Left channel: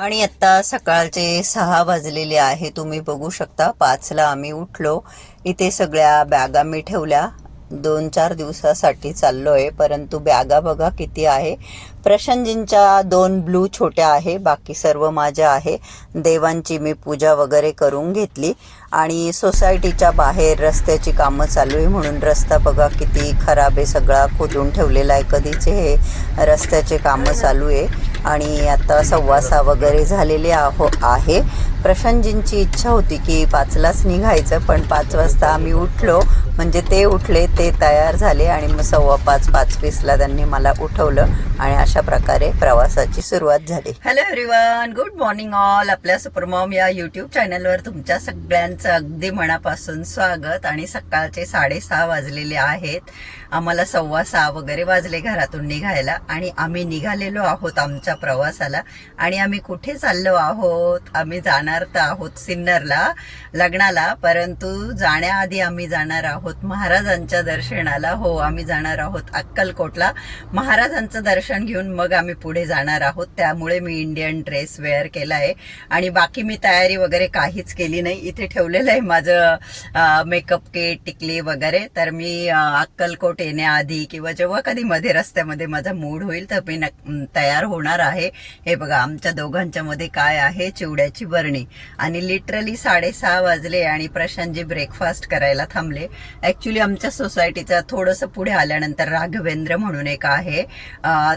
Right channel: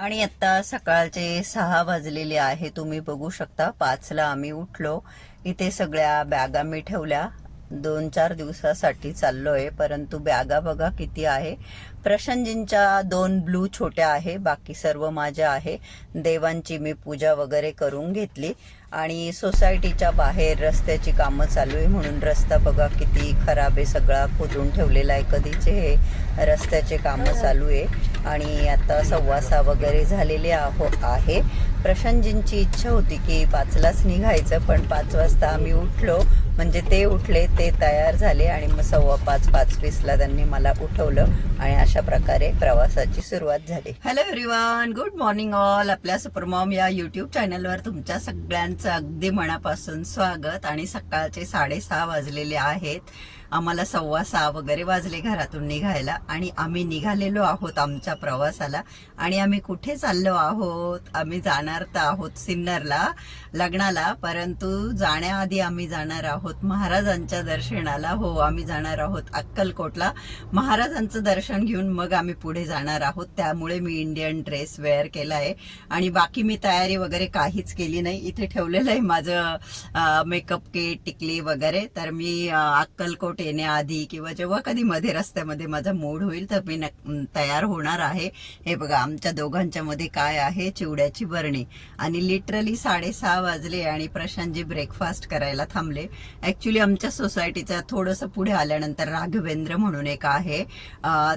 आणि आता सकाळचे सहा वाजलेले आहे. तुम्ही बघू शकता पाचला आम्ही उठलो. इथे सगळ्या बॅगा मी ठेवल्या. दोन चार दिवसासाठी चाललोय परंतु बॅगा बघा किती आहे. प्रशांतजींच्या दोन ब्लू छोट्या आहे बाकी सर्व माझ्या आहे. देवांची मी पूजा वगैरे करून घेतली. आणि सोसायटीच्या बाहेर रस्त्याची कामं चालू आहे म्हणून रस्ता बघा किती खराब आहे. सगळा खोदून ठेवलेला आहे. कधीचे हे रस्त्याचे कामं चालू आहे. आणि आता सव्वासा वगैरे झालेले आहो आहे. प्रशांतजींची इच्छा होती की पाचलाच निघायचं पण पाच वाजता आम्ही उठलो. म्हणजे ते उठले ते तयार झाले आणि मग सव्वा पाच पाच वीसला त्यांनी मला उठवलं आणि अशा प्रकारे प्रवासाची सुरुवात झाली. Hello everyone good morning all आपल्या सुपरमॉम या युट्यूब चॅनलवर तुमच्या सगळ्यांचं अगदी मनापासून स्वागत. आणि सकाळचे साडेसहा वाजलेले आहेत. आम्हाला सव्वा सहा वगैरे वाजले घरातून निघायला आणि आम्ही निघालेलो आहोत आमच्या प्रवासाला. आणि आम्ही कुठे चाललो आहोत? आम्ही जाणार तर आहोत सिन्नरला लग्नाला. परंतु जाण्याआधी आम्ही जाणार आहोत महाराजांच्या दर्शनाला. हो आम्ही जाणार आहोत अक्कलकोटला. महाराजांचं दर्शन घेऊन मग आम्ही पुढे जाणार आहोत. त्यामुळे मी इंडियन ड्रेस वेअर केला आहे आणि बाकी मी तयारी वगैरे काहीच केली नाही. इथे ठेवलेलं आहे माझं मेकअप किट टिकली वगैरे. तर मी अक्कलकोट अक्कलकोट येण्याआधी किंवा जेव्हा कधी मध्ये रस्त्यामध्ये माझा मूड होईल तर मी तयार होणार आहे. हे बघा आमच्या दोघांच्या मध्ये काय आहे? चिवड्याची बरणी. आणि लिटरली साडेसहा वाजले आणि प्रशांतजी ब्रेकफास्ट करायला थांबले. ऍक्च्युली आमच्या सोसायटीचा थोडंसं पुढे आल्यानंतर राघवेंद्र म्हणून एक आहे.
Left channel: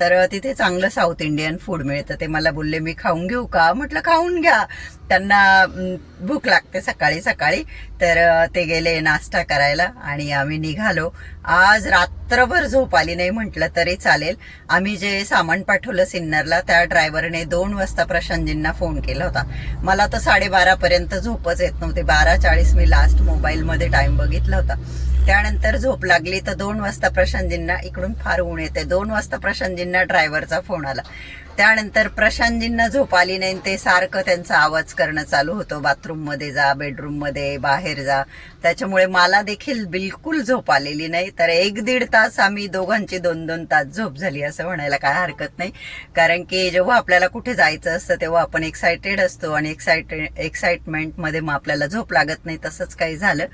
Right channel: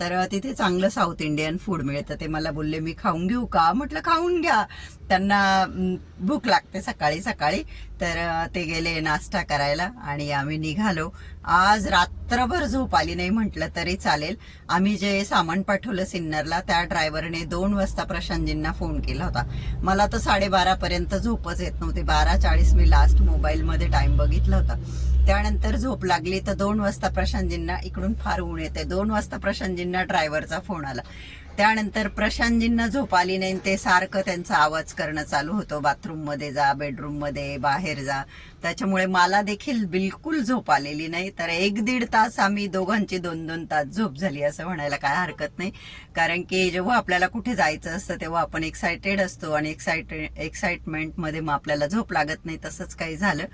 तर तिथे चांगलं साऊथ इंडियन फूड मिळतं. ते मला बोलले मी खाऊन घेऊ का? म्हटलं खाऊन घ्या. त्यांना भूक लागते सकाळी सकाळी. तर ते गेले नाश्ता करायला आणि आम्ही निघालो. आज रात्रभर झोप आली नाही म्हटलं तरी चालेल. आम्ही जे सामान पाठवलं सिन्नरला त्या ड्रायव्हरने दोन वाजता प्रशांतजींना फोन केला होता. मला तर साडेबारापर्यंत झोपच येत नव्हते. बारा चाळीस मी लास्ट मोबाईलमध्ये टाईम बघितला होता. त्यानंतर झोप लागली तर दोन वाजता प्रशांतजींना इकडून फार ऊन येते. दोन वाजता प्रशांतजींना ड्रायव्हरचा फोन आला. त्यानंतर प्रशांतजींना झोप आली नाही ते सारखं त्यांचा आवाज करणं चालू होतं. बाथरूममध्ये जा बेडरूममध्ये बाहेर जा. त्याच्यामुळे मला देखील बिलकुल झोप आलेली नाही. तर एक दीड तास आम्ही दोघांची दोन दोन तास झोप झाली असं म्हणायला काय हरकत नाही. कारण की जेव्हा आपल्याला कुठे जायचं असतं तेव्हा आपण एक्सायटेड असतो आणि एक्सायटेड एक्साइटमेंटमध्ये मग आपल्याला झोप लागत नाही तसंच काही झालं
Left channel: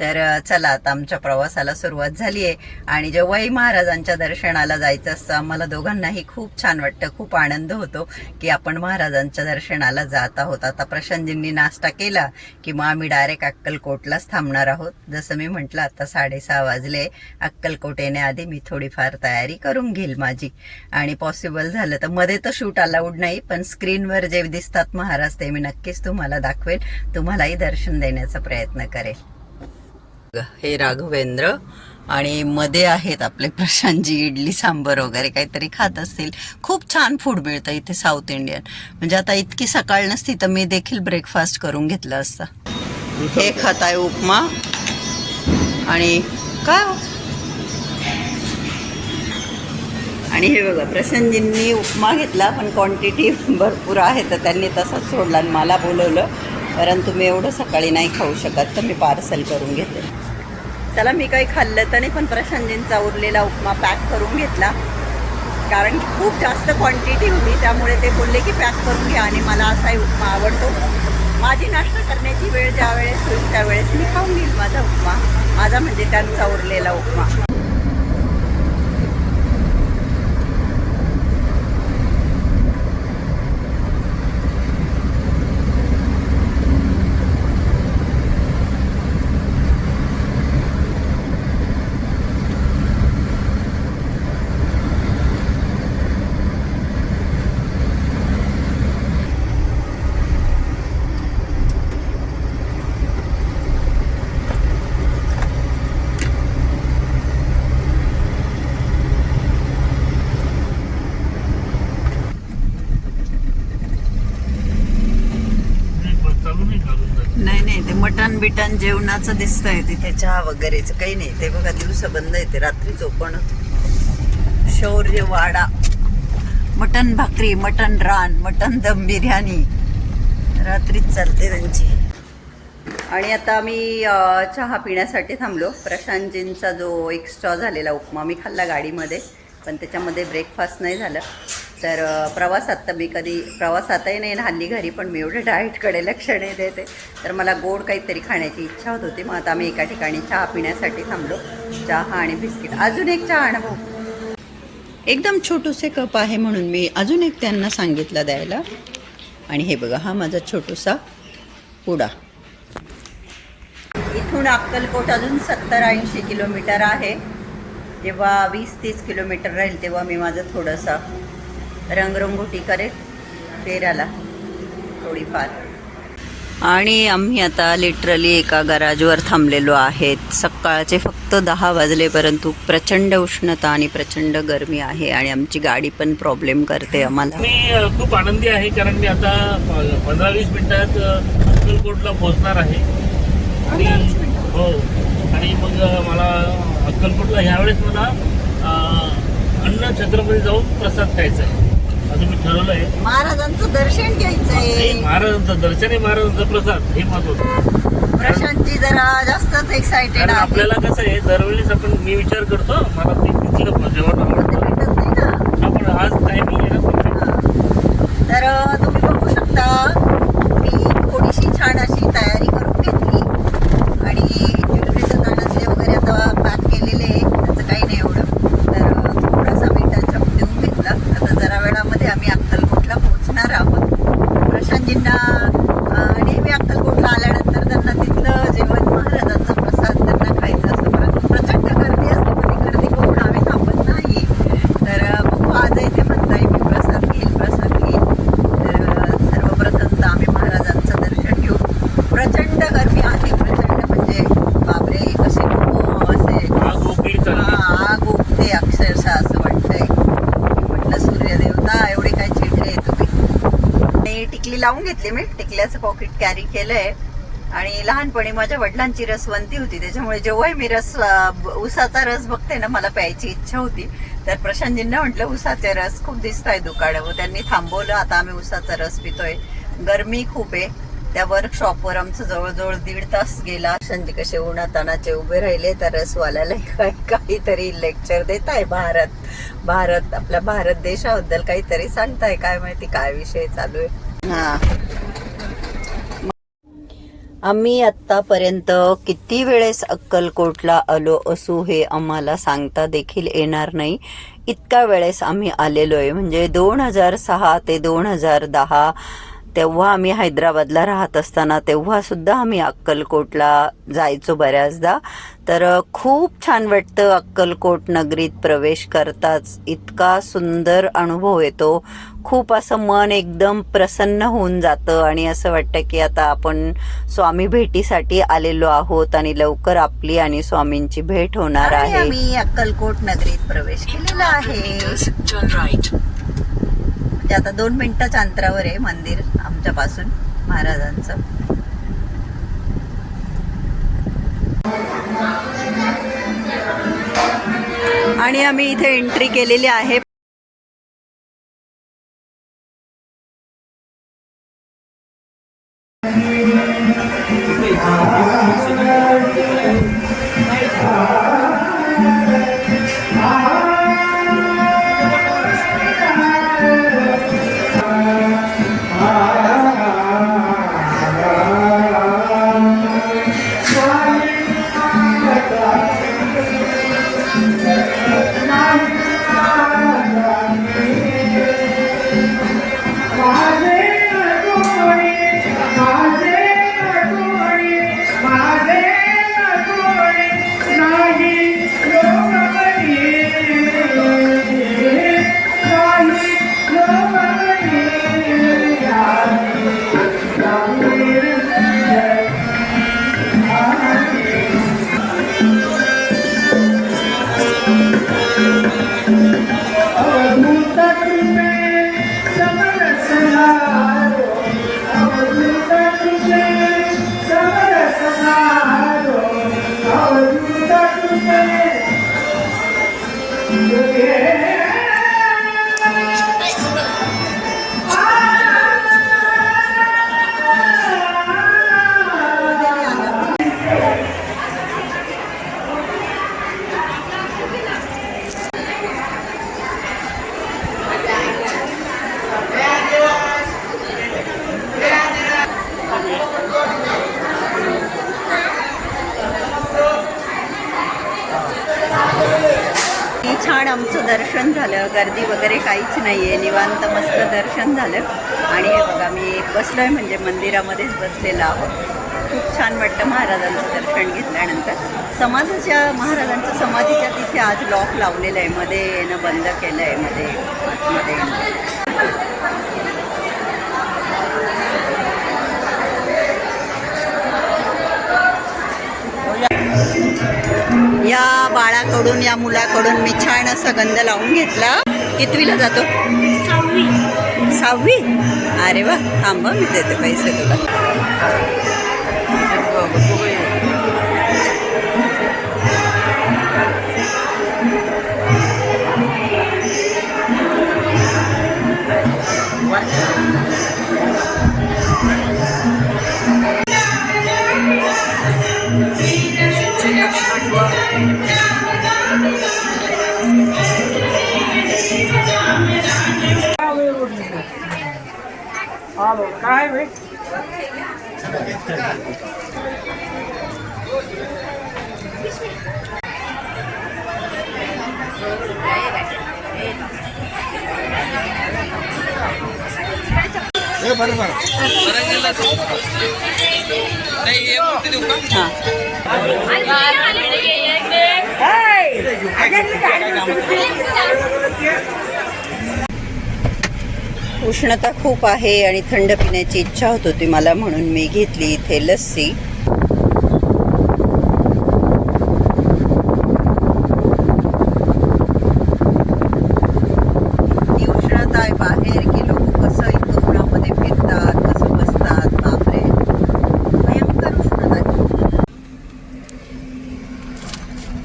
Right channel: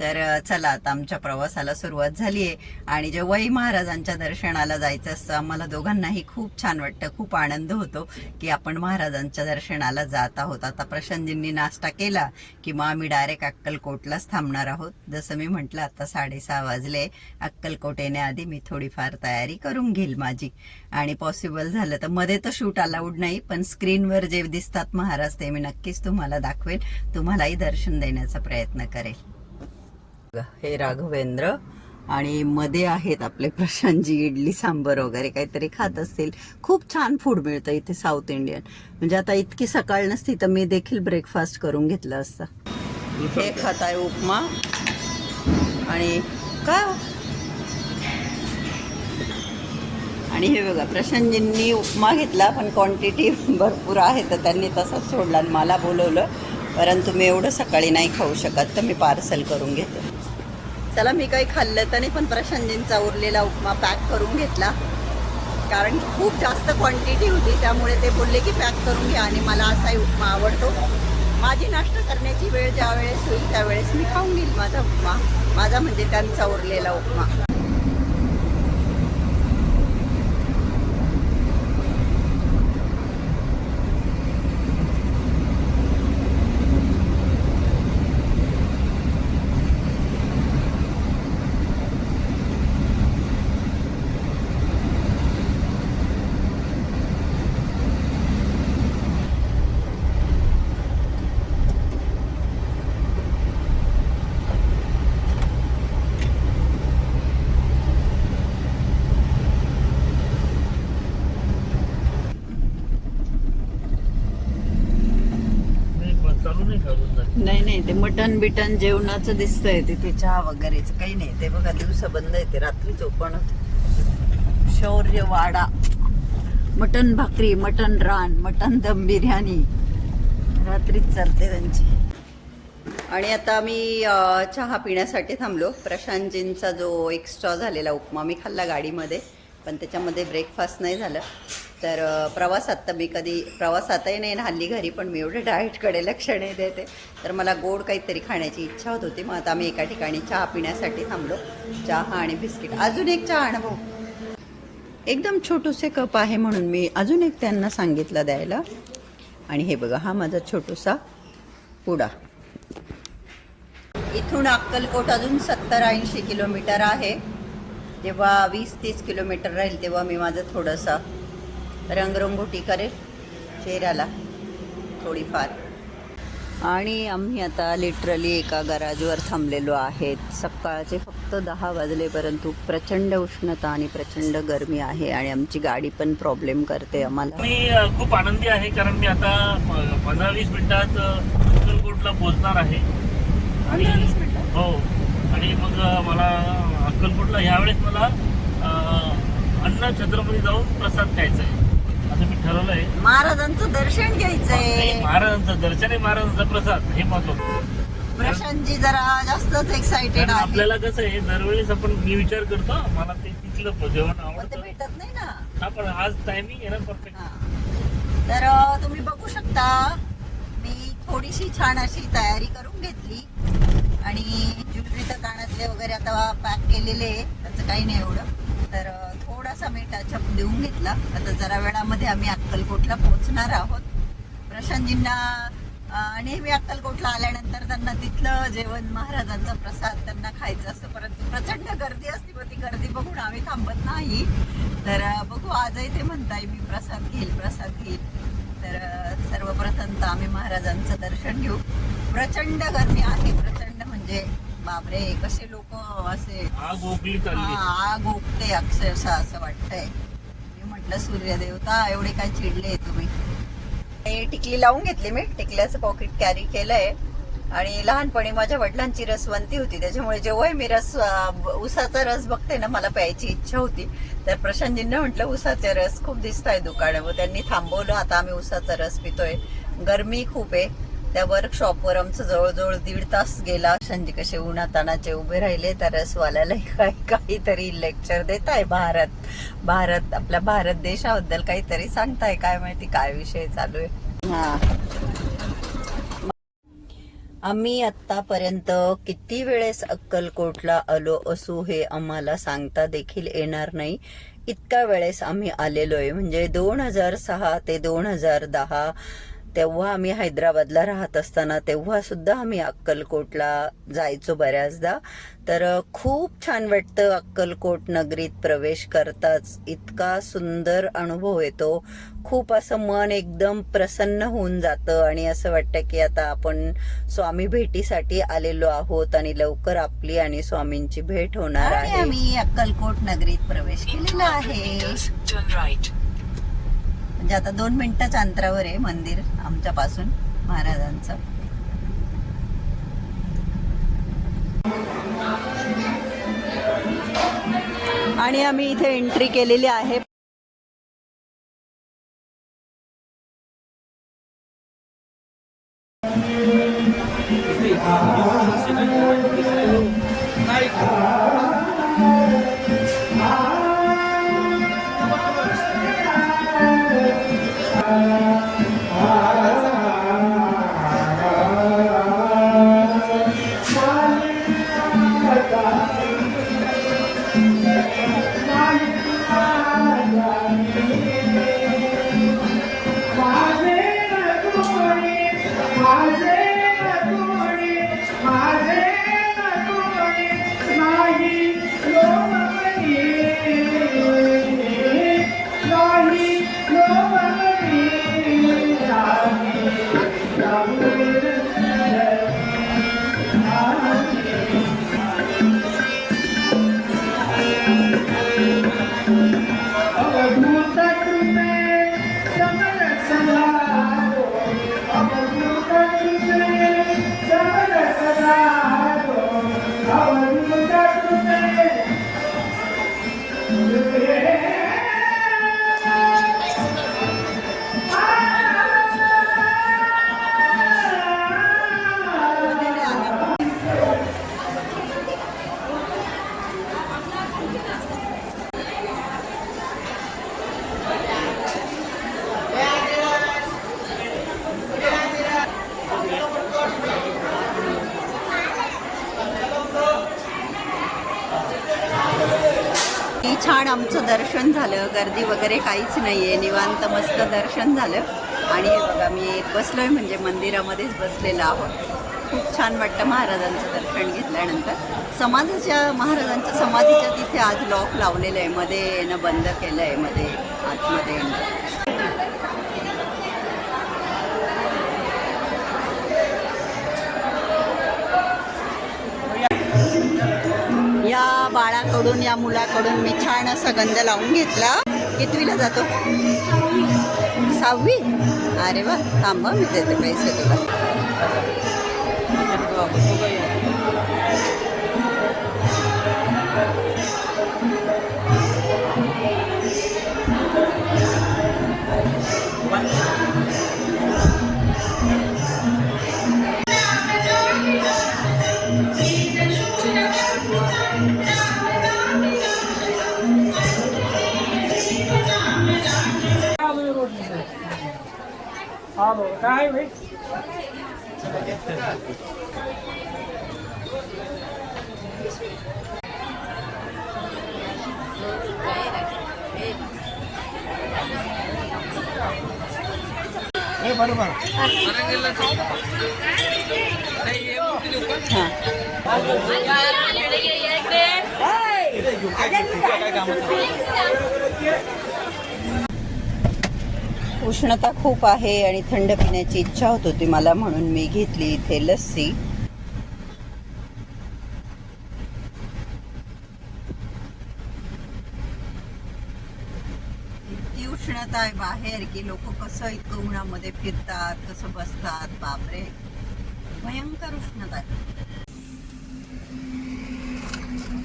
तर चला आता आमच्या प्रवासाला सुरुवात झाली आहे. आणि जेव्हाही महाराजांच्या दर्शनाला जायचं असतं आम्हाला दोघांनाही खूप छान वाटतं खूप आनंद होतो की आपण महाराजांच्या दर्शनाला जात आहोत. आता प्रशांतजींनी नाश्ता केला की मग आम्ही डायरेक्ट अक्कलकोटलाच थांबणार आहोत. जसं मी म्हटलं आता साडेसहा वाजले. अक्कलकोट येण्याआधी मी थोडीफार तयारी करून घेईल माझी. आणि पॉसिबल झालं तर मध्ये तर शूट अलाउड नाही पण स्क्रीनवर जे दिसतात महाराज ते मी नक्कीच तुम्हाला दाखवेल तुम्हालाही दर्शन देण्याचा प्रयत्न करेल. हे राघवेंद्र आणि मध्ये आहेत आपले प्रशांतजी इडली सांबर वगैरे काहीतरी खात असतील. खूप छान फूड मिळतं इथे साऊथ इंडियन म्हणजे आता इतकी सकाळ नसती तर मी देखील ब्रेकफास्ट करून घेतलं असतं. हे खात आहे उपमा. आणि काय हो? आणि हे बघा प्रशांतजींनी उपमा घेतला पण क्वांटिटी भरपूर आहे तर त्यांनी तसंच सोडला आणि मला बोलवलं. परंतु मी एवढं सकाळी नाही खाऊ शकत तर मी पार्सल करून घेते. चला मी काही खाल्लं तर नाही पण प्रशांतजींचा उरलेला उपमा पॅक करून घेतला. कारण खूप जास्त क्वांटिटी होती त्यामुळे ते बोलले की पॅक करून घ्या आणि मला असाही उपमा आवडतो. माझी नाश्ता करण्याची ज्या वेळेस होईल त्यावेळेस मी खाऊन घेईल माझा उपमा. माझा म्हणजे त्यांचा उरलेला उपमा नाही नाही ते मटन बिटन जेवणाचं दिसतंय तिथे चहा वगैरेच. काही नाही ते बघा दिवसा बंद आहे ते रात्री ओपन शौर्य वाडा. मटन भाकरी मटन रान मटन दम बिर्याणी. रात्रीच चालते त्यांची. आणि आता आम्ही चहा पिण्यासाठी थांबलो. प्रशांतजींचा जो एक्स्ट्रा झालेला उपमा मी खाल्ला गाडीमध्ये पण त्याच्यामध्ये ब्रेकफास्ट नाही झालं. तर प्रवासात तर मी कधी प्रवासातही नाही ना हल्ली घरी पण मी एवढं डाएटकडे लक्ष नाही देते तर मला गोड काहीतरी खाण्याची इच्छा होत होती. मग आता आम्ही एका ठिकाणी चहा पिण्यासाठी थांबलो. चहा आणि बिस्किट. अजून एक चहा आणा एकदम छोटूसे कप आहे म्हणून मी अजून एक त्यांना सांगितलं द्यायला. आणि हे बघा हा माझा छोटूसा पुडा. इथून अक्कलकोट अजून सत्तर ऐंशी किलोमीटर आहे. जेव्हा वीस तीस किलोमीटर राहील तेव्हा मी माझं थोडंसं रंगरंगोटी करेल फेरायला थोडीफार. आणि आम्ही आता लिटरली एका गराजवर थांबलेलो आहेत. सकाळचे फक्त दहा वाजले परंतु प्रचंड उष्णता आणि प्रचंड गरमी आहे आणि आमची गाडी पण प्रॉब्लेम करते आम्हाला. मी खूप आनंदी आहे कारण मी आता पंधरा वीस मिनिटात अक्कलकोटला पोहोचणार आहे. आणि हो. आणि मग मला अक्कलकोटला ह्यावेळेस मला अन्न छत्रपती जाऊन प्रसाद खायचा आहे मी ठरवलं आहे. महाराजांचं दर्शन घ्यायचंय महाराजांचं दर्शन आहे महाराजांचा प्रसाद. हे महत्वाचं प्रशांतजी जरा जास्तच एक्साइटेड कारण आहे आपल्याला कसं आहे दरवेळेस आपण मी विचार करतो मला ते तिथलं जेवण आवडतं आपण आज टायमिंग आहे ना. तर तुम्ही बघू शकता मी थोडीशी छान अशी तयारी करून घेतली आणि ज्वेलरीचं दानातले वगैरे आता पॅक केलेले आहे त्याचं काही नाही एवढं तर अ, थोडासा मी टचअप देऊन घेतला आता जरा वेळामध्ये आम्ही अक्कलकोटला पोहोचणार आहोत प्रशांतजींना अ, नेहमी अक्कलकोटला आल्यानंतर त्यांना तिथलं जेवण महाराजांचा प्रसाद त्यांना खायचा असतो परंतु प्रचंड गर्दी असते पण ती गर्दी बघून आम्ही थांबत नाही तर अ, बघू आज इथे म्हणताय मी प्रसाद घेईल प्रसाद घेईल तर अ, सर्वप्रथम तर आम्ही महाराजांचं दर्शन घेऊ प्रचंड गर्दी आहे प्रचंड म्हणजे बापरे कसे लोक असे आग ओकली चालली हा, आग उठते अक्षरशः असं वाटतंय मी म्हटलं सूर्यदेवता एवढे काय चिडले तुम्ही आणि लावून घेतली मी. टिकल्याचं पॉकेट कॅरी केलंय. आणि लहानपणी माझ्या वडिलांची रसवंती होती. त्याच्यामुळे जेव्हाही मी रस उसाचा रस बघते ना मला प्यायची इच्छा होती. तर प्रशांतजींना म्हटलं उसाचे रस खूप दिसत आहे दुकानावर त्यांनी थांबवलं आता आम्ही उसाचा रस पितोय. गरमी खूप आहे. त्या वर्कशॉपवर आमचं जवळजवळ दीड तास गेला. प्रशांतजी कसे उन्हातानाचे उभे राहिले. त्या रसवाल्याला काय काहीतरी लेक्चर देत आहे भारत. भारत आपल्या भारत देशाबद्दल काहीतरी सांगताय. काय माहिती काय विषय चालू आहे. हा. आम्ही आत्तापर्यंत किती वेळेस अक्कलकोटला आलो असू हे आम्हाला सांगता देखील येणार नाही. इतक्या वेळेस आम्ही आलेलो आहे म्हणजे दोन हजार सहा ते दोन हजार दहा तेव्हा आम्ही हैदराबादला राहत असताना तेव्हा सुद्धा आम्ही अक्कलकोटला जायचो बऱ्याचदा. तर खूप छान वाटतं अक्कलकोट नगरीत प्रवेश करताच. इतका सुंदर अनुभव येतो. खूप असं मन एकदम प्रसन्न होऊन जातं आणि असं वाटतं की आता आपण स्वामी भेटीसाठी आलेलो आहोत आणि लवकर आपली आणि स्वामींची भेट होणार आहे. आम्ही अक्कलकोट नगरीत प्रवेश केलेला आहे. म्हणजे आता दोन मिनिटाच्या अंतरावर आहे मंदिर आमच्यापासून महाराजांचं. आणि आम्ही इथे एंट्री केलेली आहे. गर्दी वगैरे काहीच नाही आहे निवांत मस्त दर्शन झालं. आणि हे बघा मी बसलोय म्हणजे मंदिरामध्येच बसलेलो आहोत. खूप छान वाटतं महाराजांचं दर्शन घेतल्यानंतर. समाजाच्या महाराजांच्या समाधीच्या तिथे आज लॉक लावलेलं आहे मध्ये येणं बंद केलं आहे मध्ये आतमध्ये येणं. या बाळाकडून या मुलाकडून मी छान असा गंध लावून घेतला. कितवीला जातो? सहावी. अरे वा थांबा मी देते पैसे तुला. उष्णता खूप आहे आणि थंड पिण्याची इच्छा होत होती मला म्हणून मी घेतली इथे लस्सी. ती उष्णता आहे बाहेर की लोक कसं इतकं उन्हामध्ये फिरतात कसं बसतात बापरे भयंकर उष्णता आहे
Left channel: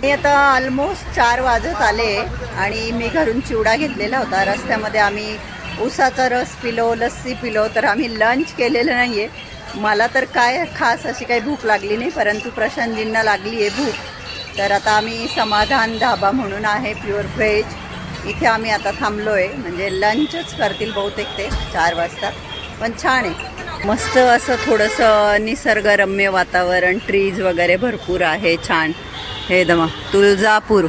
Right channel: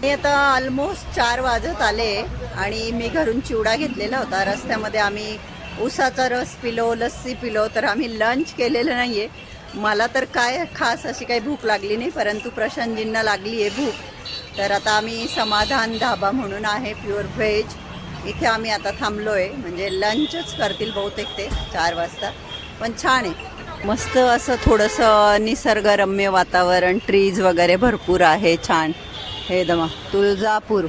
मी आता ऑलमोस्ट चार वाजत आले आणि मी घरून चिवडा घेतलेला होता. रस्त्यामध्ये आम्ही उसाचा रस पिलो लस्सी पिलो तर आम्ही लंच केलेलं नाही आहे मला तर काय खास अशी काही भूक लागली नाही परंतु प्रशांतजींना लागली आहे भूक. तर आता आम्ही समाधान धाबा म्हणून आहे प्युअर व्हेज इथे आम्ही आता थांबलो आहे म्हणजे लंचच करतील बहुतेक ते चार वाजता. पण छान आहे. मस्त असं थोडंसं निसर्गरम्य वातावरण ट्रीज वगैरे भरपूर आहे छान. हे दमा तुळजापूर.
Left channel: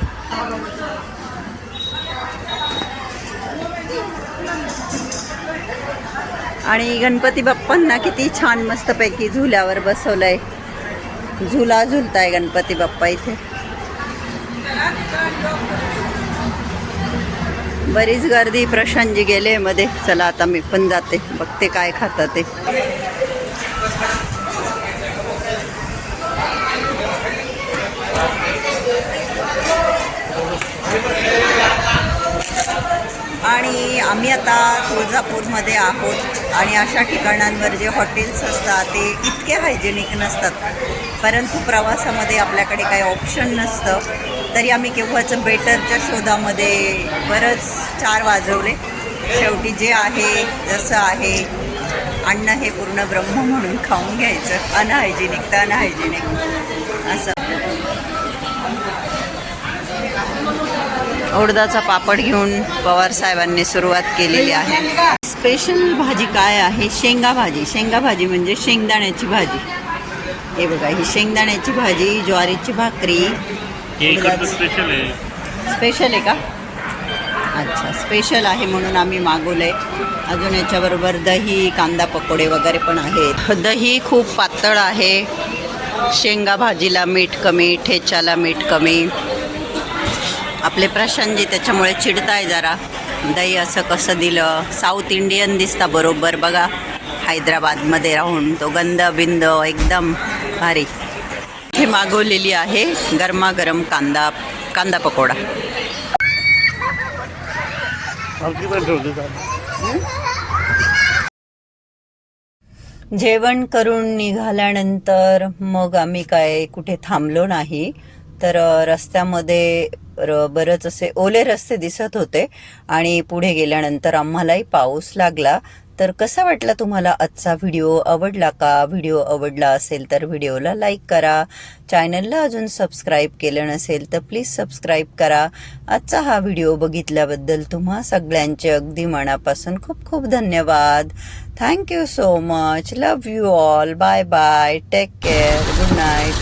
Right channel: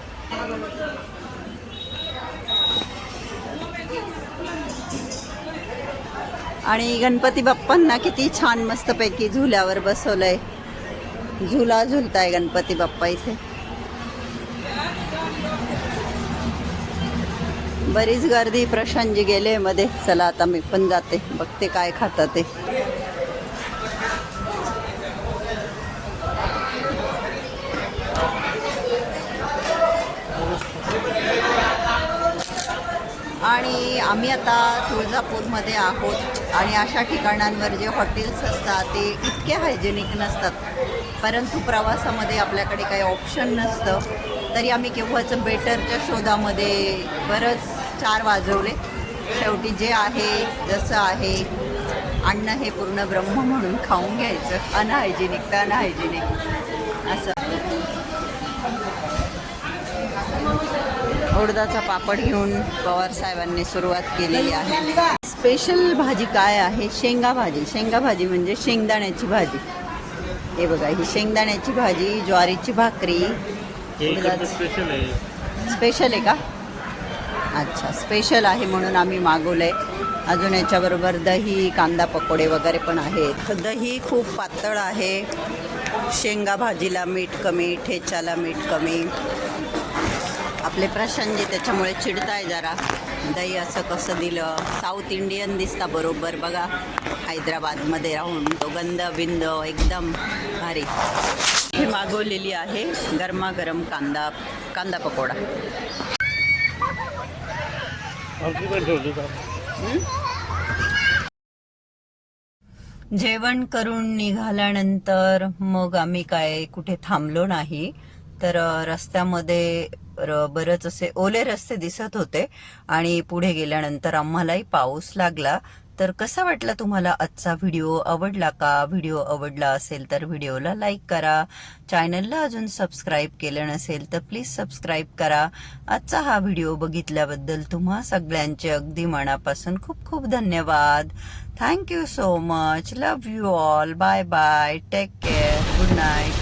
आणि गणपती बाप्पांना किती छान मस्तपैकी झुल्यावर बसवलंय. झुला झुलताय गणपती बाप्पा इथे. बरीच गर्दी प्रशांतजी गेले मध्ये. चला आता मी पण जाते. बघते काय खातात ते. आम्ही आता तुळजापूरमध्ये आहोत आणि अशा ठिकाणांवर जे हॉटेल्स असतात ते इतके हायजेनिक नसतात. परंतु प्रवासामध्ये आपल्याकडे काही ऑप्शन नसतं. तरी आम्ही केव्हाचं बेटरच्या शोधामध्ये बरंच चार वाजवले. शेवटी जे आहे जसं आहे अन्न हे पूर्ण ब्रह्म म्हणून खाऊन घ्यायचं. अनहायजेनिक तर अनहायजेनिक. असं. उडदाचा पापड घेऊन पवार साहेबांनी सुरुवात केलेली आहे. स्पेशल भाजी काय आहे? शेंगा भाजी. शेंगा भाजी म्हणजे शेंगदाण्याची भाजी. हे बघा ही शेंगदाण्याची भाजी ज्वारीची भाकरी. स्पेशल आहे. स्पेशल आहे का? अच्छा स्पेशल आहे म्हणून आम्ही मागवलंय. अजून याच्याबरोबर दही कांदा पकोडे वगैरे पण आहेत. दही खूप पातळ आहे. शेंगा भाजीला मीठ कमी ठेच्याला मीठ कमी. आपले प्रशांतजी त्याच्यामुळे चिडताय जरा. दही असं कसं दिलं? साऊथ इंडियन दिसता बरोबर. बघा हैदराबादमध्ये राहून तो गंध बिंद एकदम भारी. हे मागवलेली आहे गरमागरम कांदा कांदा पकोडा? जेवण करून निघाल्यानंतर मग आम्ही काय कुठे थांबलो नाही. तर रस्त्यामध्ये र- बरेच असे ओले रस्ते दिसत होते आणि पुढे गेल्यानंतर आम्हालाही पाऊस लागला. तर कसा वाटला तुम्हाला आजचा व्हिडिओ? आवडला का? व्हिडिओ आवडला असेल तर व्हिडिओला लाईक करा. चॅनलला अजून सबस्क्राईब केलं नसेल तर प्लीज सबस्क्राईब करा. आजचा हा व्हिडिओ बघितल्याबद्दल तुम्हा सगळ्यांचे अगदी मनापासून खूप खूप धन्यवाद. Thank you so much love you all bye bye take care good night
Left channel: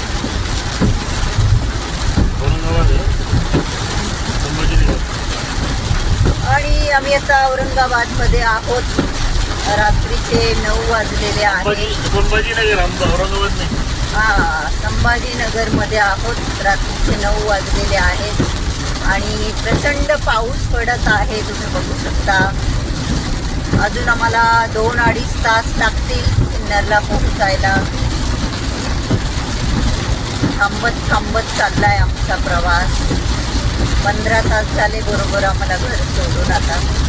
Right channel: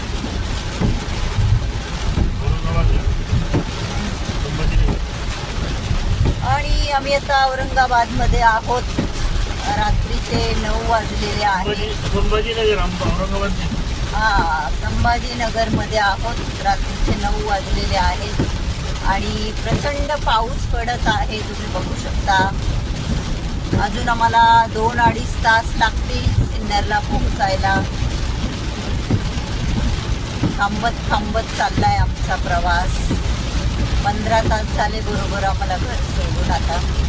Aurangabad आहे. संभाजीनगर आता औरंगाबादमध्ये आहोत. रात्रीचे नऊ वाजलेले आहेत. संभाजीनगर औरंगाबाद नाही. हा संभाजीनगरमध्ये आहोत. रात्रीचे नऊ वाजलेले आहेत. आणि प्रचंड पाऊस पडत आहे तुम्ही बघू शकता. अजून आम्हाला दोन अडीच तास लागतील सिन्नरला पोहोचायला. थांबत थांबत चाललाय आमचा प्रवास. पंधरा तास झाले बरोबर आम्हाला घर सोडून आता.